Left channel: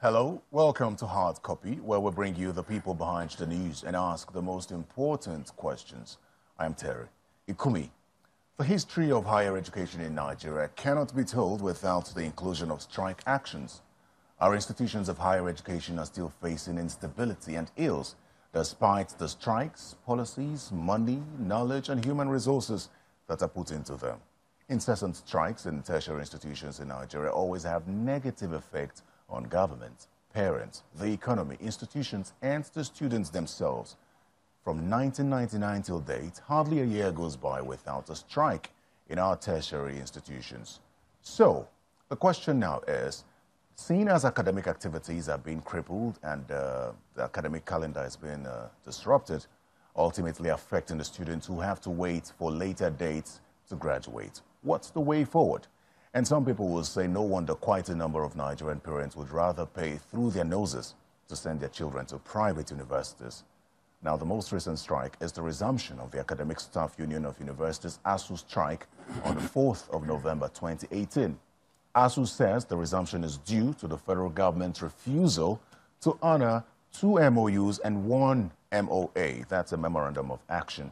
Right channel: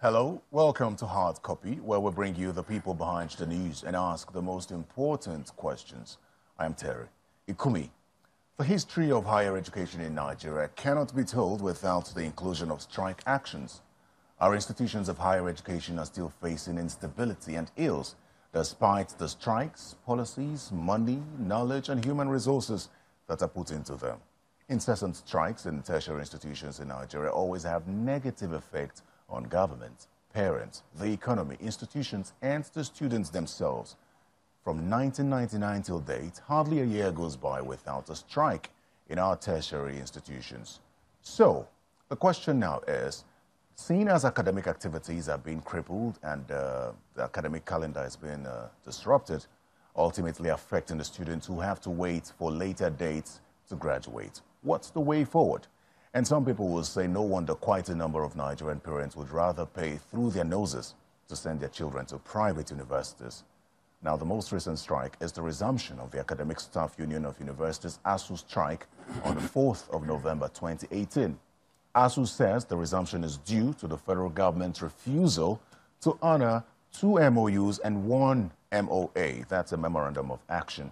Hello, welcome to Hard Copy, where we bring you the people behind the news and ask the most important questions. I am Terry Ikumi. The history of higher education in Nigeria cannot be told without the inclusion of strike actions. Our institutions of higher education are still facing instability and ills, despite the strikes, policies, money, knowledge, and human resources that are put into them. Incessant strikes in tertiary institutions in Nigeria always have negative effects on government, parents, the economy, institutions, and the students themselves. From 1999 till date, hardly a year goes by without a strike in our tertiary institutions. So, the question now is, seeing as academic activities are being crippled and the academic calendar has been disrupted, ultimately affecting the students who have to wait for later dates to graduate, what's the way forward? And some people will say no wonder quite a number of Nigerian parents would rather pay through their noses to send their children to private universities. Now, the most recent strike is the resumption of the Academic Staff Union of Universities ASUU strike on the 4th of November 2018. ASUU says the resumption is due to the federal government's refusal to honor 2 MOUs and 1 MOA, that's a Memorandum of Action.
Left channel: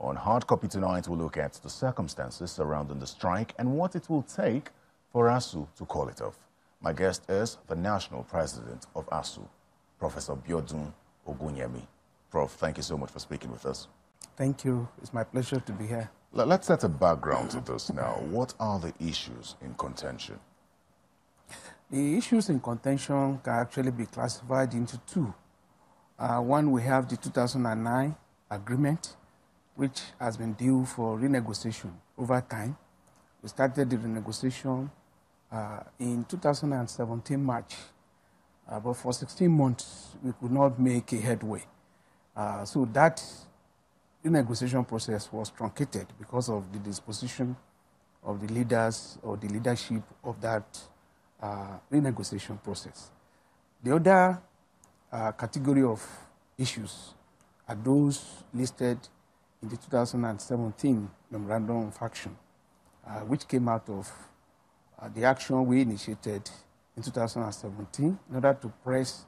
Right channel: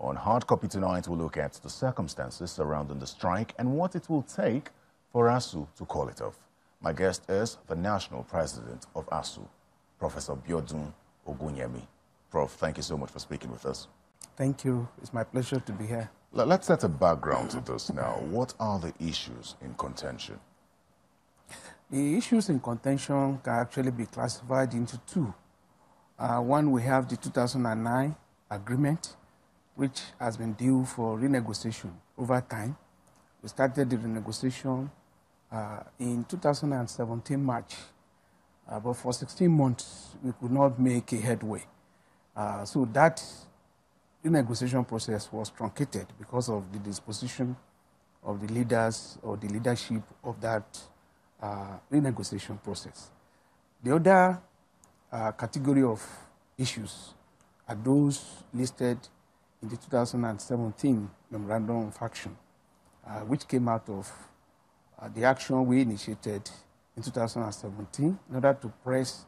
On Hard Copy tonight, we'll look at the circumstances surrounding the strike and what it will take for ASUU to call it off. My guest is the National President of ASUU, Professor Ogunyemi. Prof, thank you so much for speaking with us. Thank you. It's my pleasure to be here. Let's set a background to this now. What are the issues in contention? The issues in contention can actually be classified into 2. One, we have the 2009 agreement, which has been due for renegotiation over time. We started the renegotiation in 2017 March, but for 16 months, we could not make a headway. So that renegotiation process was truncated because of the disposition of the leaders or the leadership of that renegotiation process. The other category of issues are those listed in the 2017 Memorandum of Action, which came out of the action we initiated in 2017 in order to press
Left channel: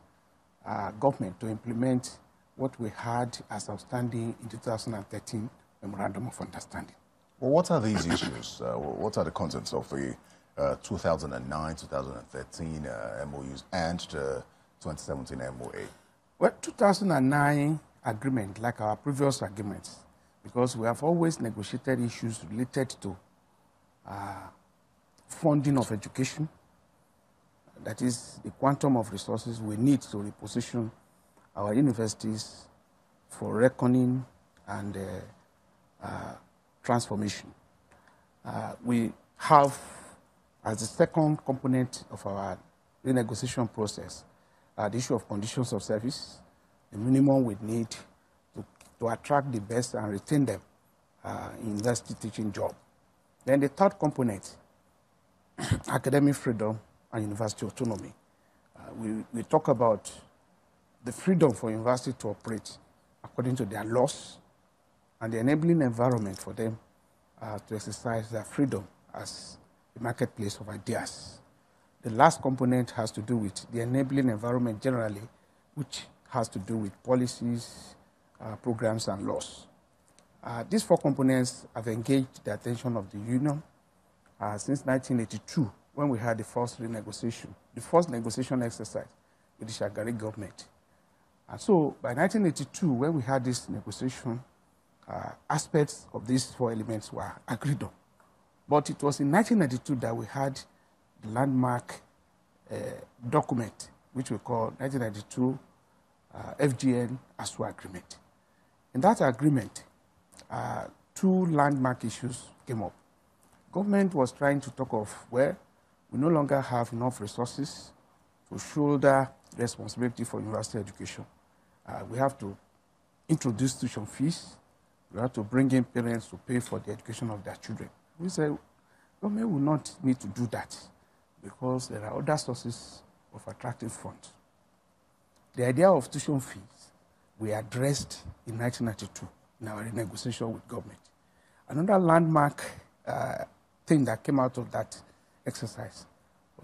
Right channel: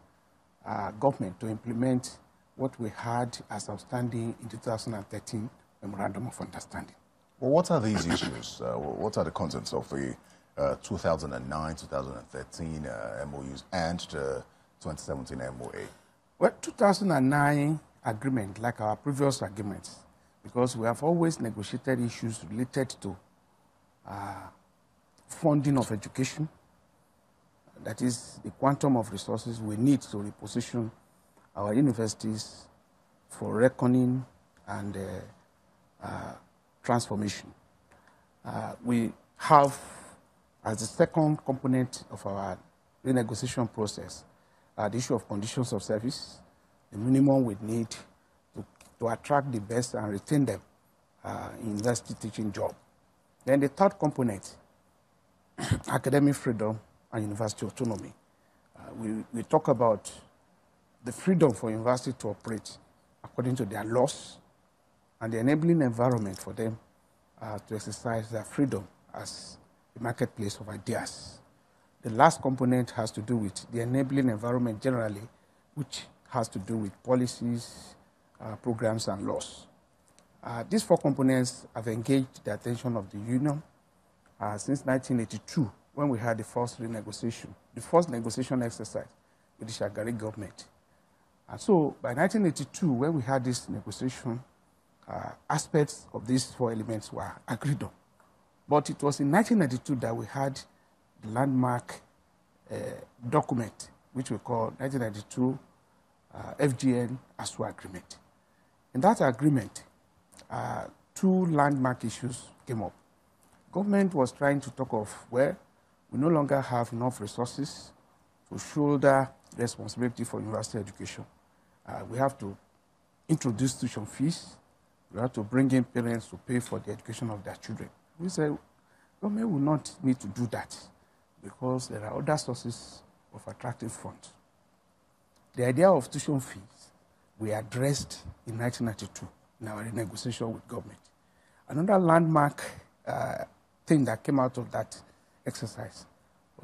government to implement what we had as outstanding in 2013 Memorandum of Understanding. Well, what are these issues? What are the contents of the 2009, 2013 MOUs and the 2017 MOA? Well, 2009 agreement, like our previous agreements, because we have always negotiated issues related to funding of education, that is the quantum of resources we need to reposition our universities for reckoning and transformation. We have, as the second component of our renegotiation process, the issue of conditions of service, the minimum we need to attract the best and retain them in university teaching job. Then the third component, academic freedom and university autonomy. We talk about the freedom for university to operate according to their laws and the enabling environment for them to exercise their freedom as the marketplace of ideas. The last component has to do with the enabling environment generally, which has to do with policies, programs, and laws. These 4 components have engaged the attention of the Union since 1982, when we had the first renegotiation, the first negotiation exercise with the Shagari government. And so by 1982, when we had this negotiation, aspects of these 4 elements were agreed on. But it was in 1992 that we had the landmark document, which we call 1992 FGN ASUU agreement. In that agreement, 2 landmark issues came up. Government was trying to talk of where we no longer have enough resources to shoulder responsibility for university education. We have to introduce tuition fees. We have to bring in parents to pay for the education of their children. We said, government will not need to do that because there are other sources of attractive funds. The idea of tuition fees we addressed in 1992 in our negotiation with government. Another landmark thing that came out of that exercise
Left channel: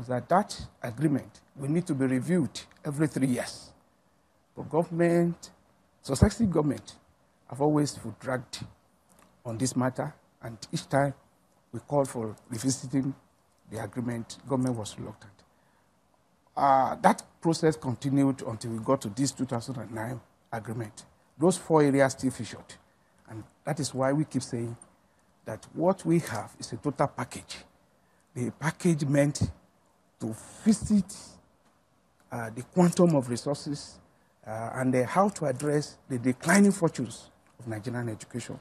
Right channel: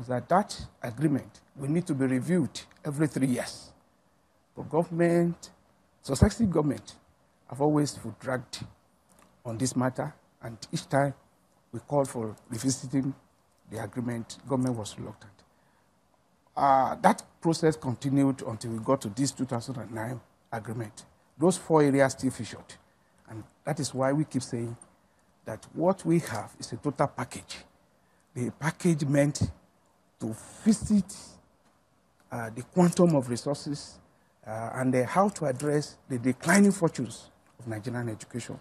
was that that agreement will need to be reviewed every 3 years. The government, successive government, have always dragged on this matter, and each time we called for revisiting the agreement, government was reluctant. That process continued until we got to this 2009 agreement. Those 4 areas still featured, and that is why we keep saying that what we have is a total package. The package meant to visit the quantum of resources and how to address the declining fortunes of Nigerian education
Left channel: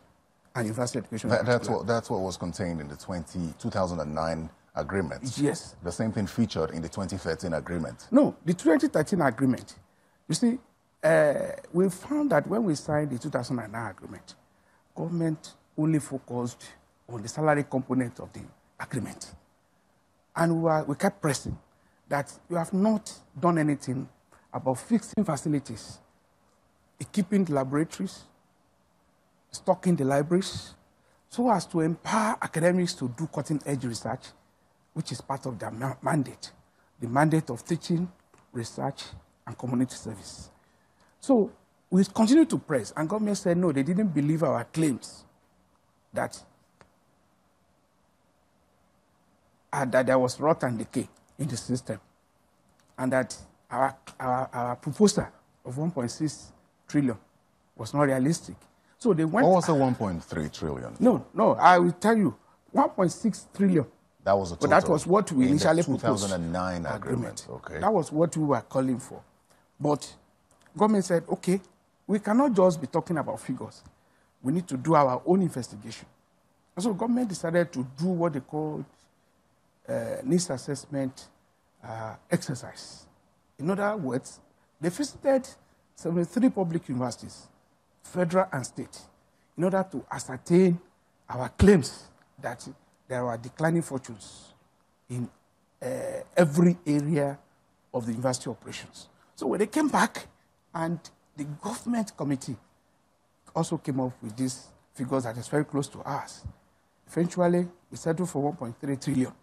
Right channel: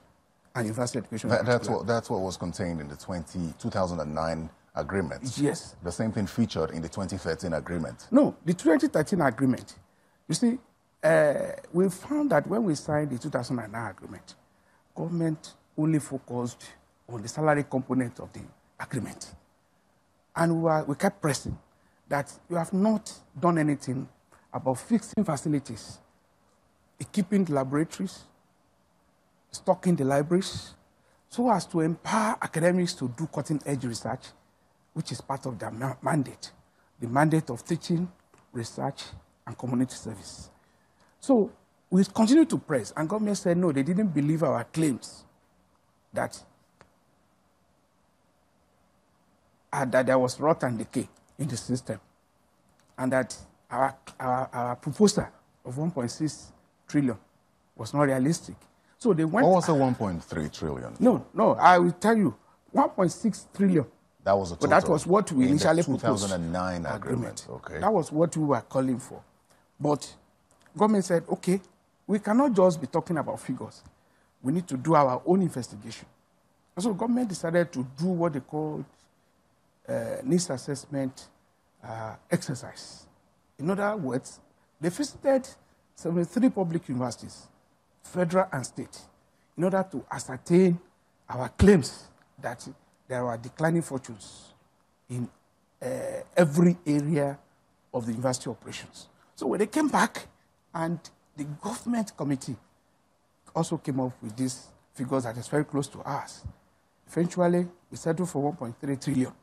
and university education. That's what was contained in the 2009 agreement. Yes. The same thing featured in the 2013 agreement. No, the 2013 agreement, you see, we found that when we signed the 2009 agreement, government only focused on the salary component of the agreement. And we kept pressing that you have not done anything about fixing facilities, equipping the laboratories, stocking the libraries, so as to empower academics to do cutting-edge research, which is part of their mandate, the mandate of teaching, research, and community service. So we continued to press, and government said no, they didn't believe our claims that there was rot and decay in the system, and that our proposal of 1.6 trillion was not realistic. So they went. What was the 1.3 trillion? No, I will tell you, 1.6 trillion. That was a total. But that was what we initially proposed. 2009 agreement. Okay. That was what we were calling for. But government said, okay, we cannot just be talking about figures. We need to do our own investigation. And so government decided to do what they called needs assessment exercise. In other words, they visited 73 public universities, federal and state, in order to ascertain our claims that there are declining fortunes in every area of the university operations. So when they came back, and the government committee also came up with these figures that is very close to ours. Eventually, we settled for 1.3 trillion.